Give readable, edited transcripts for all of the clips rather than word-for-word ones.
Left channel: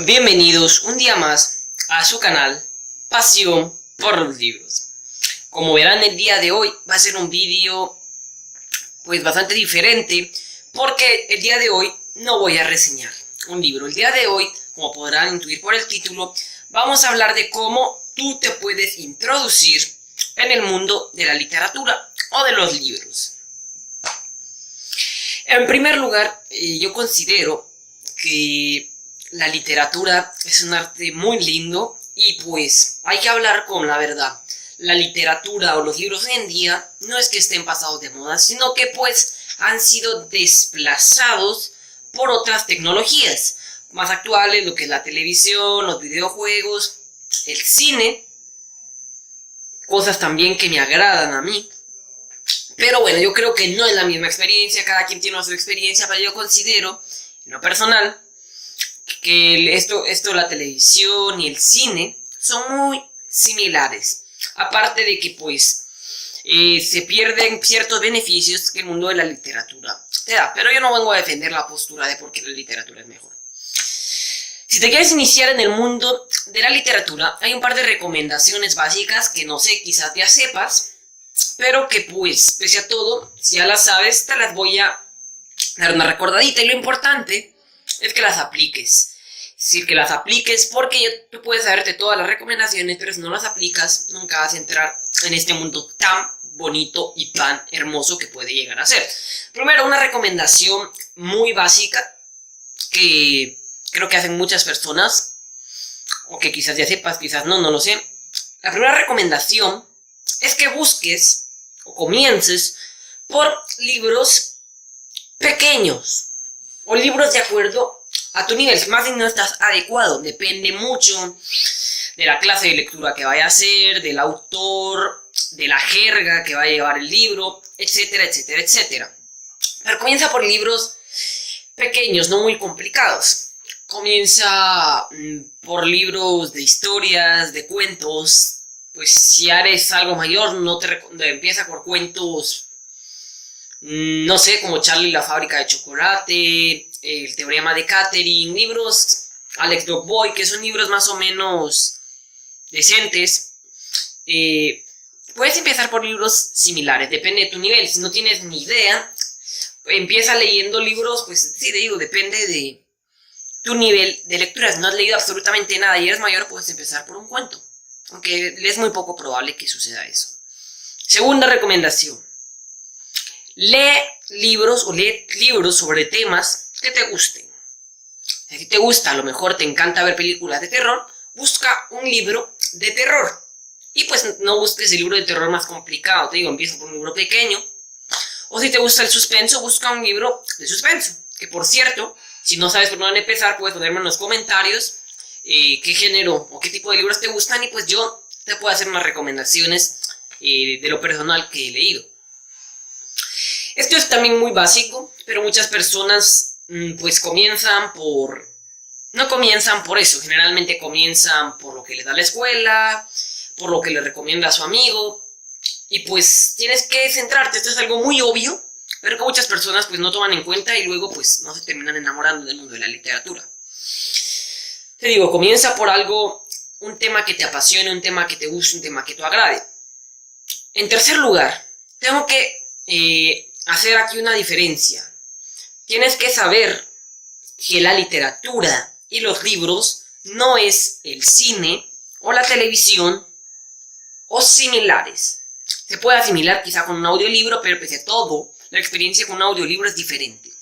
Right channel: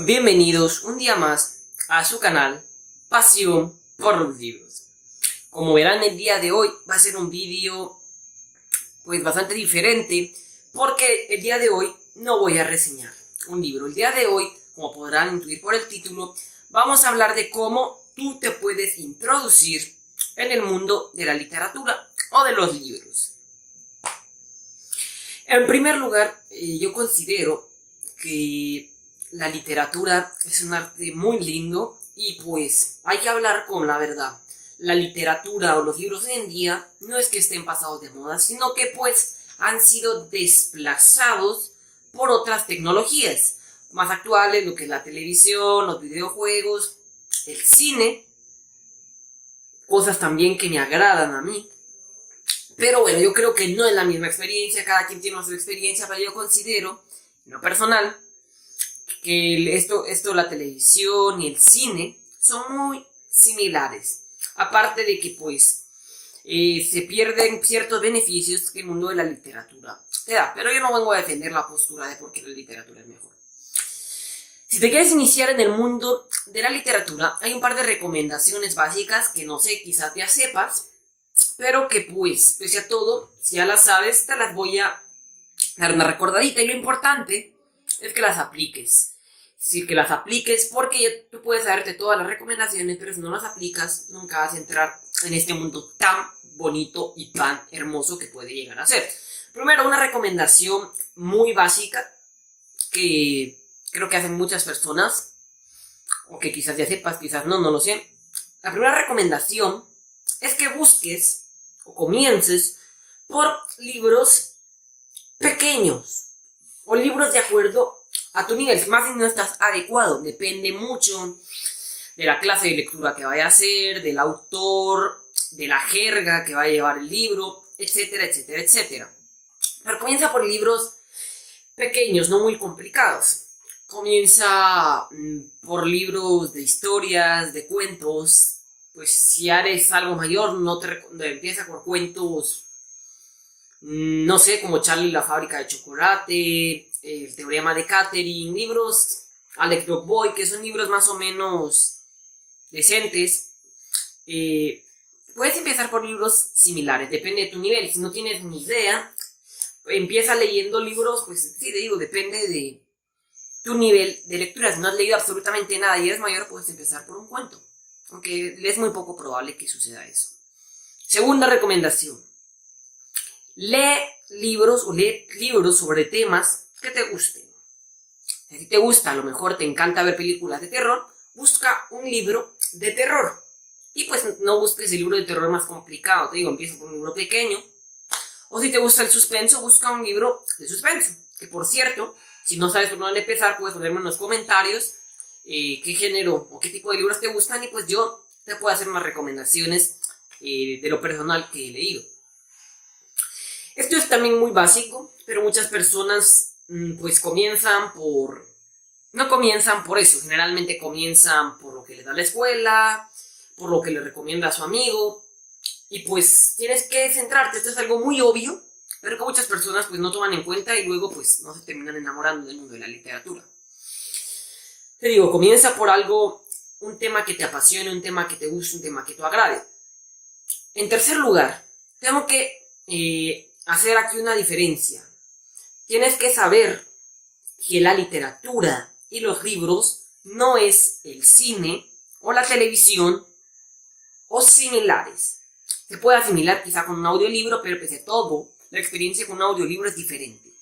Bienvenidos un día más a su canal Pasión por los Libros. Como verán, el día de hoy va a ser un vídeo pues bastante diferente, porque el día de hoy no voy a reseñar un libro. El día de hoy, como podrán intuir por el título, vamos a hablar de cómo tú te puedes introducir en el mundo de la literatura o de los libros. En primer lugar, yo considero que la literatura es un arte muy lindo y pues hay que hablar con la verdad. La literatura o los libros hoy en día no es que estén pasados de moda, sino que pues han sido desplazados por otras tecnologías más actuales, lo que es la televisión, los videojuegos, el cine, cosas también que me agradan a mí. Pero bueno, yo creo que no es la misma experiencia, cada quien tiene su experiencia, pero yo considero, en lo personal, que la televisión y el cine son muy similares. Aparte de que pues se pierden ciertos beneficios que el mundo de la literatura te da. Pero yo no vengo a defender la postura de por qué la literatura es mejor. Si te quieres iniciar en el mundo de la literatura, hay un par de recomendaciones básicas que no sé, quizás ya sepas, pero que pues, pese a todo, si ya las sabes, te las voy a dar una recordadita. Y lo importante es que las apliques. Es decir, que las apliques, porque tú puedes saberte todas las recomendaciones, pero si no las aplicas, nunca vas a entrar en este mundo tan bonito y tan hermoso que puede llegar a ser. Primero, una recomendación muy básica que creo que hacen muchas personas, o que quizás ya sepas, quizás no lo sé. La primera recomendación es que busques o comiences por libros pequeños o libros de acuerdo a tu nivel. Más si no estás adecuado, depende mucho de la clase de lectura que vaya a hacer, del autor, de la jerga que va a llevar el libro, etcétera, etcétera, etcétera. Pero comienza por libros pequeños, no muy complicados. Comienza por libros de historias, de cuentos. Pues si eres algo mayor, empieza por cuentos, no sé, como Charlie y la fábrica de chocolate, el teorema de Catherine, libros Alex Dogboy, que son libros más o menos decentes. Puedes empezar por libros similares, depende de tu nivel. Si no tienes ni idea, empieza leyendo libros, pues sí, te digo, depende de tu nivel de lectura. Si no has leído absolutamente nada y eres mayor, puedes empezar por un cuento, aunque es muy poco probable que suceda eso. Segunda recomendación: lee libros sobre temas que te gusten. Si te gusta, a lo mejor te encanta ver películas de terror, busca un libro de terror. Y pues no busques el libro de terror más complicado, te digo, empieza por un libro pequeño. O si te gusta el suspenso, busca un libro de suspenso. Que por cierto, si no sabes por dónde empezar, puedes ponerme en los comentarios qué género o qué tipo de libros te gustan, y pues yo te puedo hacer unas recomendaciones de lo personal que he leído. Esto es también muy básico, pero muchas personas pues no comienzan por eso. Generalmente comienzan por lo que les da la escuela, por lo que le recomienda a su amigo, y pues tienes que centrarte. Esto es algo muy obvio, pero que muchas personas pues no toman en cuenta y luego pues no se terminan enamorando del mundo de la literatura. Te digo, comienza por algo, un tema que te apasione, un tema que te guste, un tema que te agrade. En tercer lugar, tengo que hacer aquí una diferencia. Tienes que saber que la literatura y los libros no es el cine o la televisión o similares. Se puede asimilar quizá con un audiolibro, pero pese a todo, la experiencia con un audiolibro es diferente.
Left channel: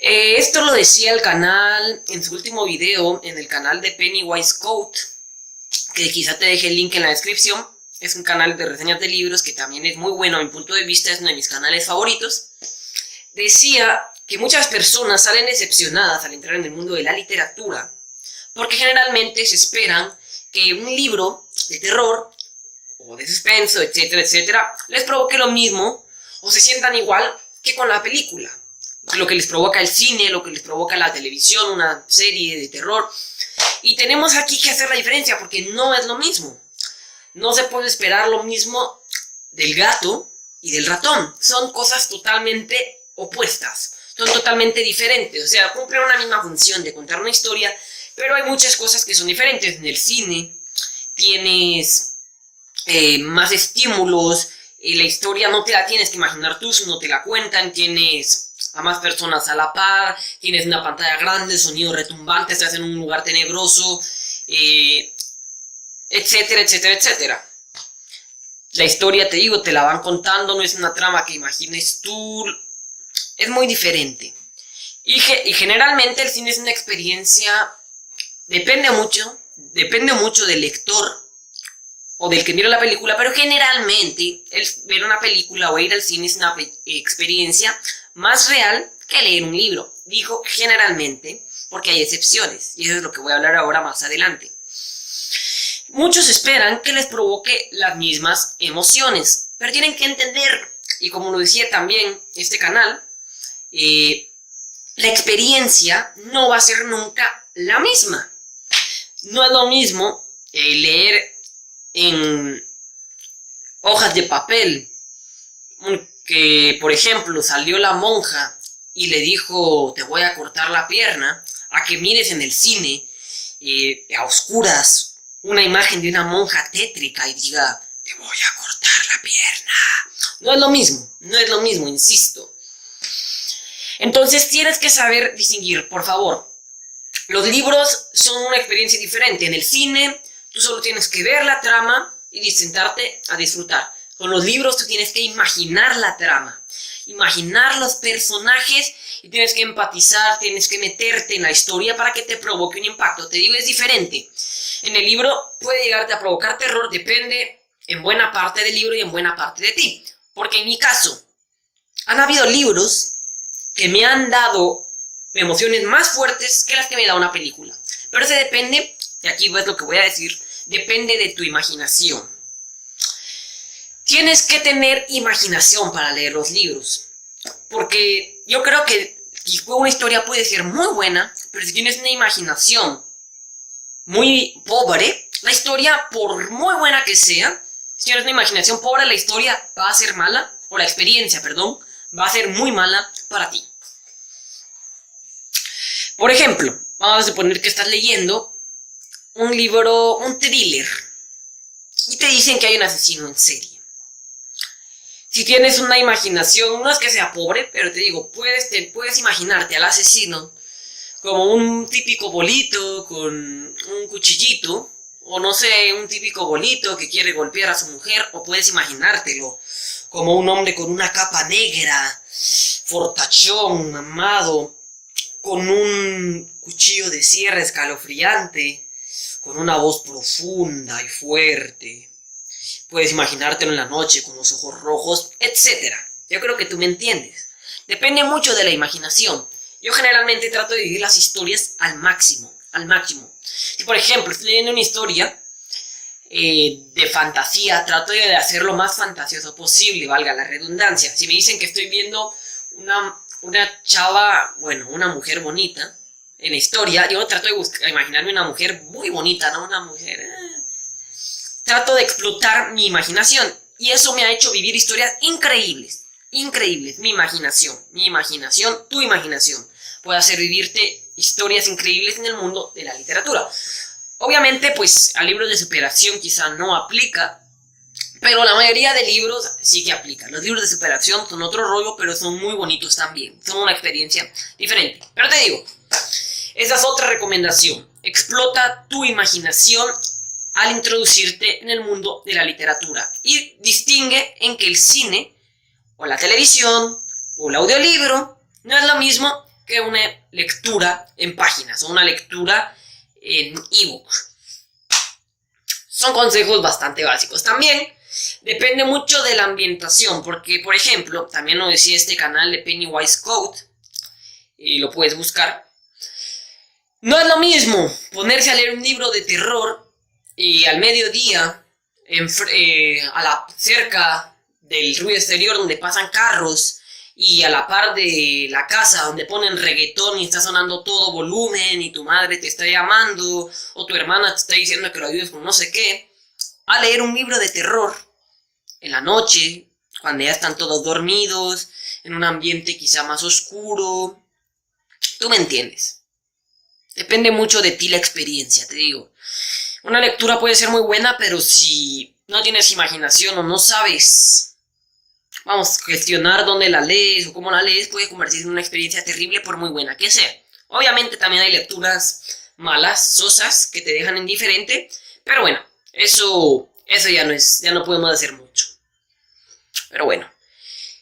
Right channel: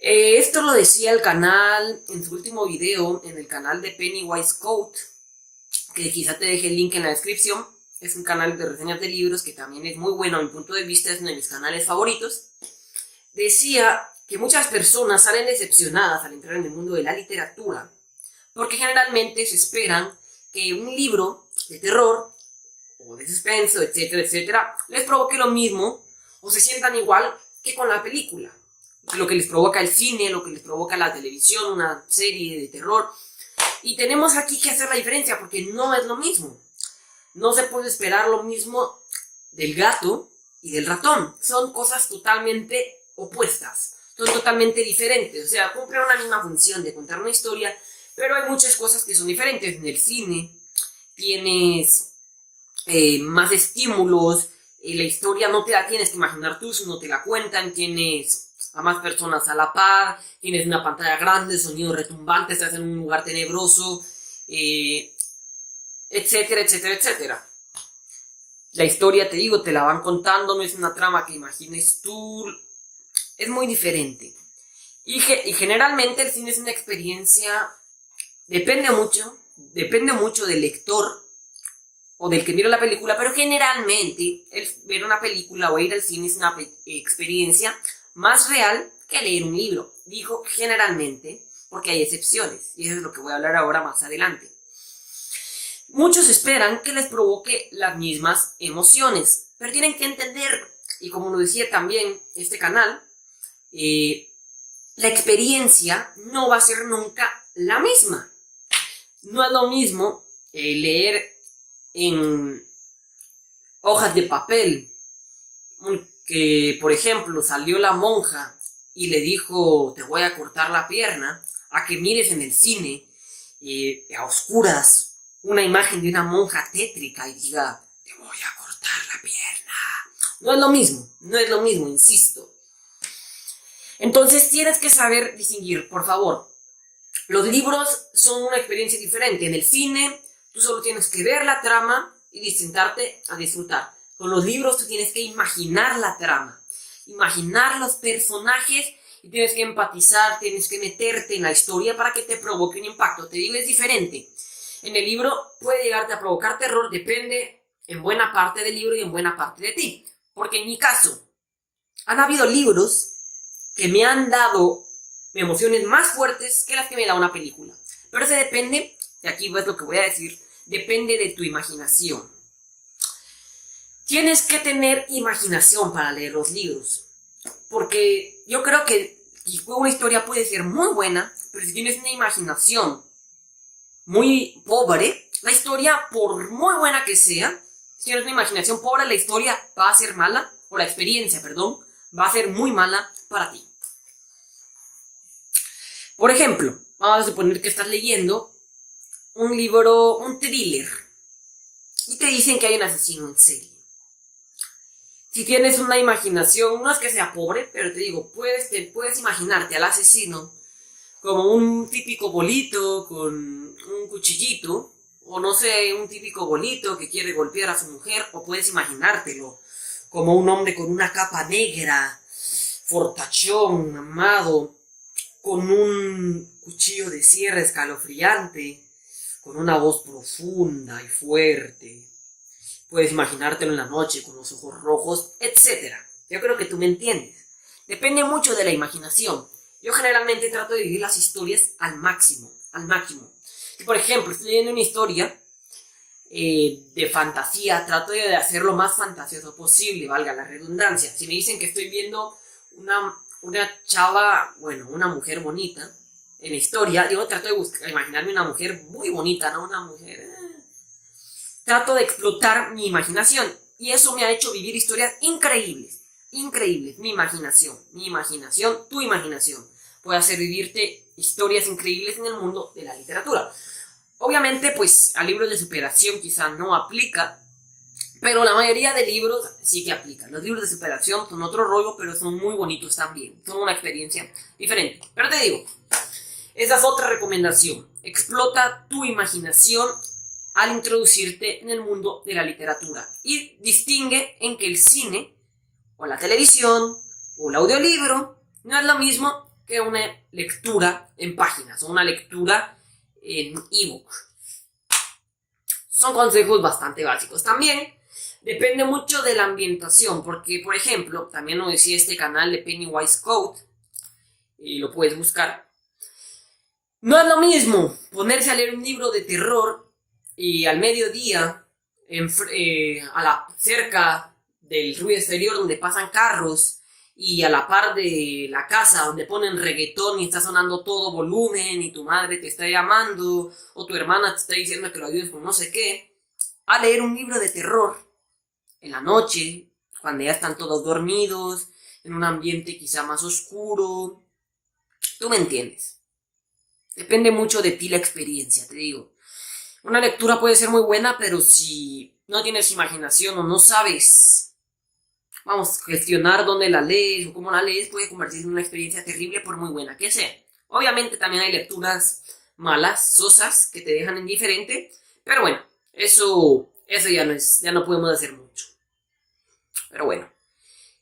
Esto lo decía el canal en su último video, en el canal de Pennywise Quote, que quizá te deje el link en la descripción. Es un canal de reseñas de libros que también es muy bueno a mi punto de vista, es uno de mis canales favoritos. Decía que muchas personas salen decepcionadas al entrar en el mundo de la literatura, porque generalmente se esperan que un libro de terror o de suspenso, etcétera, etcétera, les provoque lo mismo o se sientan igual que con la película. Lo que les provoca el cine, lo que les provoca la televisión, una serie de terror. Y tenemos aquí que hacer la diferencia, porque no es lo mismo. No se puede esperar lo mismo del gato y del ratón. Son cosas totalmente opuestas, son totalmente diferentes. O sea, cumplen una misma función de contar una historia, pero hay muchas cosas que son diferentes. En el cine tienes más estímulos, la historia no te la tienes que imaginar tú, sino te la cuentan, tienes a más personas a la par, tienes una pantalla grande, sonido retumbante, estás en un lugar tenebroso, etcétera, etcétera, etcétera. La historia, te digo, te la van contando, no es una trama que imagines tú, es muy diferente. Y generalmente el cine es una experiencia, depende mucho del lector o del que mira la película, pero generalmente el ver una película o ir al cine es una experiencia más real que leer un libro. Digo generalmente porque hay excepciones, y eso es lo que voy a hablar ahora más adelante. Muchos esperan que les provoque las mismas emociones, pero tienen que entender, y como lo decía también este canal, la experiencia no va a ser nunca la misma. No es lo mismo leer en hojas de papel que, por ejemplo, salió la monja y le dijo te voy a cortar la pierna, a que mires en el cine a oscuras una imagen de una monja tétrica y diga te voy a cortar la pierna. No es lo mismo, insisto. Entonces tienes que saber distinguir, por favor. Los libros son una experiencia diferente. En el cine tú solo tienes que ver la trama y sentarte a disfrutar. Con los libros tú tienes que imaginar la trama, imaginar los personajes y tienes que empatizar, tienes que meterte en la historia para que te provoque un impacto. Te digo, es diferente. En el libro puede llegarte a provocar terror, depende en buena parte del libro y en buena parte de ti. Porque en mi caso, han habido libros que me han dado emociones más fuertes que las que me da una película. Pero eso depende, y aquí ves lo que voy a decir, depende de tu imaginación. Tienes que tener imaginación para leer los libros. Porque yo creo que una historia puede ser muy buena, pero si tienes una imaginación muy pobre, la historia, por muy buena que sea, si tienes una imaginación pobre, la historia va a ser mala, o la experiencia, perdón, va a ser muy mala para ti. Por ejemplo, vamos a suponer que estás leyendo un libro, un thriller, y te dicen que hay un asesino en serie. Si tienes una imaginación, no es que sea pobre, pero te digo, puedes imaginarte al asesino como un típico bolito con un cuchillito, o no sé, un típico bolito que quiere golpear a su mujer, o puedes imaginártelo como un hombre con una capa negra, fortachón, mamado, con un cuchillo de sierra escalofriante, con una voz profunda y fuerte. Puedes imaginártelo en la noche con los ojos rojos, etc. Yo creo que tú me entiendes. Depende mucho de la imaginación. Yo generalmente trato de vivir las historias al máximo. Si por ejemplo estoy leyendo una historia de fantasía, trato de hacer lo más fantasioso posible, valga la redundancia. Si me dicen que estoy viendo una chava, bueno, una mujer bonita en la historia, yo trato de imaginarme una mujer muy bonita, ¿no? Una mujer... Trato de explotar mi imaginación y eso me ha hecho vivir historias increíbles. Mi imaginación, tu imaginación puede hacer vivirte historias increíbles en el mundo de la literatura. Obviamente, pues a libros de superación quizá no aplica, pero la mayoría de libros sí que aplican. Los libros de superación son otro rollo, pero son muy bonitos también. Son una experiencia diferente. Pero te digo, esa es otra recomendación. Explota tu imaginación al introducirte en el mundo de la literatura. Y distingue en que el cine, o la televisión, o el audiolibro, no es lo mismo que una lectura en páginas, o una lectura en ebook. Son consejos bastante básicos. También depende mucho de la ambientación, porque, por ejemplo, también lo decía este canal de Pennywise Code, y lo puedes buscar. No es lo mismo ponerse a leer un libro de terror y al mediodía, cerca del ruido exterior donde pasan carros y a la par de la casa donde ponen reggaetón y está sonando todo volumen y tu madre te está llamando o tu hermana te está diciendo que lo ayudes con no sé qué, a leer un libro de terror en la noche, cuando ya están todos dormidos, en un ambiente quizá más oscuro. Tú me entiendes. Depende mucho de ti la experiencia, te digo. Una lectura puede ser muy buena, pero si no tienes imaginación o no sabes, vamos, gestionar dónde la lees o cómo la lees, puede convertirse en una experiencia terrible por muy buena que sea. Obviamente también hay lecturas malas, sosas, que te dejan indiferente, pero bueno, eso ya no podemos hacer mucho. Pero bueno,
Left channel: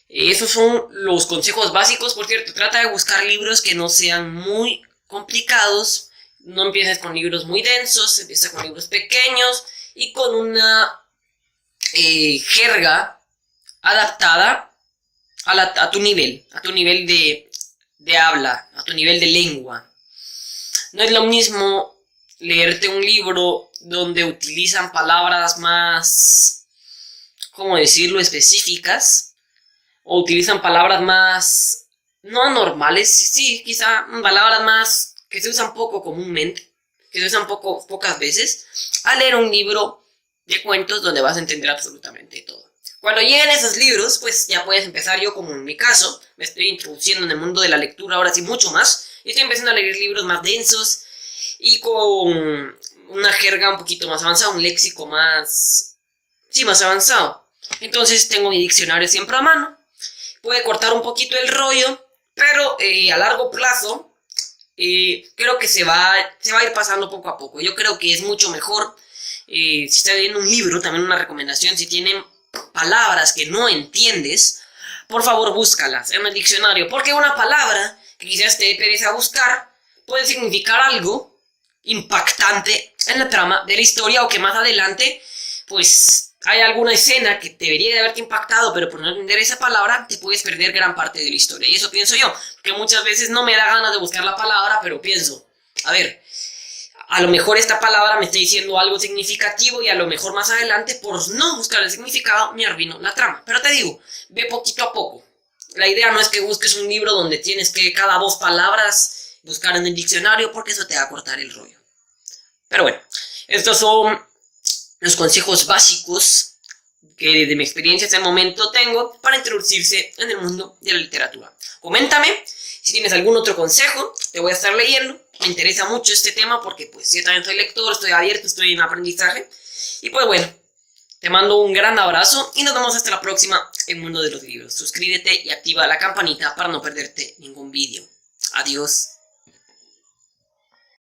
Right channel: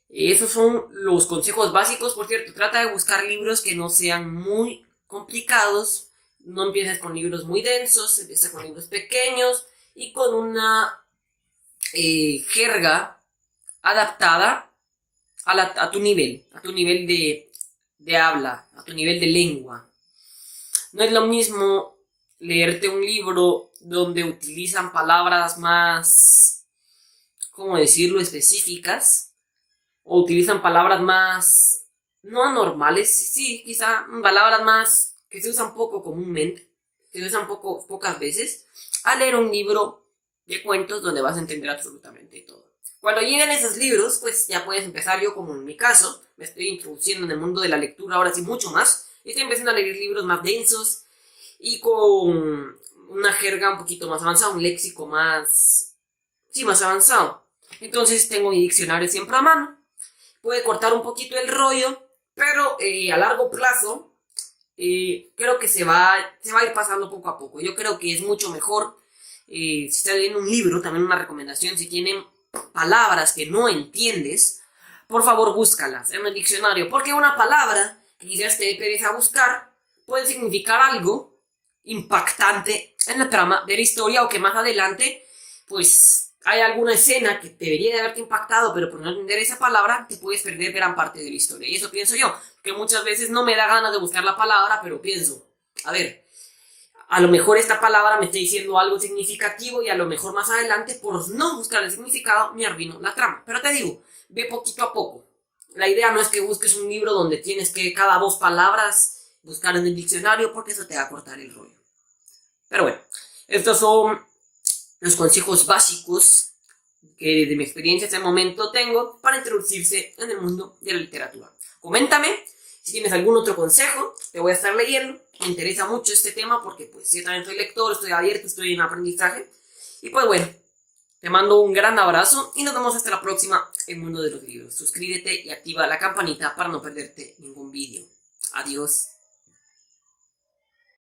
esos son los consejos básicos. Por cierto, trata de buscar libros que no sean muy complicados. No empieces con libros muy densos, empieza con libros pequeños y con una jerga adaptada a tu nivel de habla, a tu nivel de lengua. No es lo mismo leerte un libro donde utilizan palabras más, ¿cómo decirlo?, específicas, o utilizan palabras más, no anormales, sí, quizá palabras más que se usan poco comúnmente, que se usan pocas veces, a leer un libro de cuentos donde vas a entender absolutamente todo. Cuando lleguen esos libros, pues ya puedes empezar. Yo, como en mi caso, me estoy introduciendo en el mundo de la lectura ahora sí mucho más, y estoy empezando a leer libros más densos y con una jerga un poquito más avanzada, un léxico más, sí, más avanzado. Entonces tengo mi diccionario siempre a mano. Puede cortar un poquito el rollo, pero a largo plazo creo que se va a ir pasando poco a poco. Yo creo que es mucho mejor, si estás leyendo un libro, también una recomendación, si tienen palabras que no entiendes, por favor búscalas en el diccionario, porque una palabra que quizás te dé pereza buscar puede significar algo impactante en la trama de la historia, o que más adelante pues hay alguna escena que debería de haberte impactado, pero por no entender esa palabra te puedes perder gran parte de la historia. Y eso pienso yo, que muchas veces no me da ganas de buscar la palabra, pero pienso, a ver, a lo mejor esta palabra me está diciendo algo significativo y a lo mejor más adelante, por no buscar el significado, me arruino la trama. Pero te digo, ve poquito a poco. La idea no es que busques un libro donde tienes que cada 2 palabras buscar en el diccionario, porque eso te va a cortar el rollo. Pero bueno, estos son los consejos básicos que desde mi experiencia hasta el momento tengo para introducirse en el mundo de la literatura. Coméntame si tienes algún otro consejo, te voy a estar leyendo. Me interesa mucho este tema porque pues yo también soy lector, estoy abierto, estoy en aprendizaje. Y pues bueno, te mando un gran abrazo y nos vemos hasta la próxima en Mundo de los Libros. Suscríbete y activa la campanita para no perderte ningún vídeo. Adiós.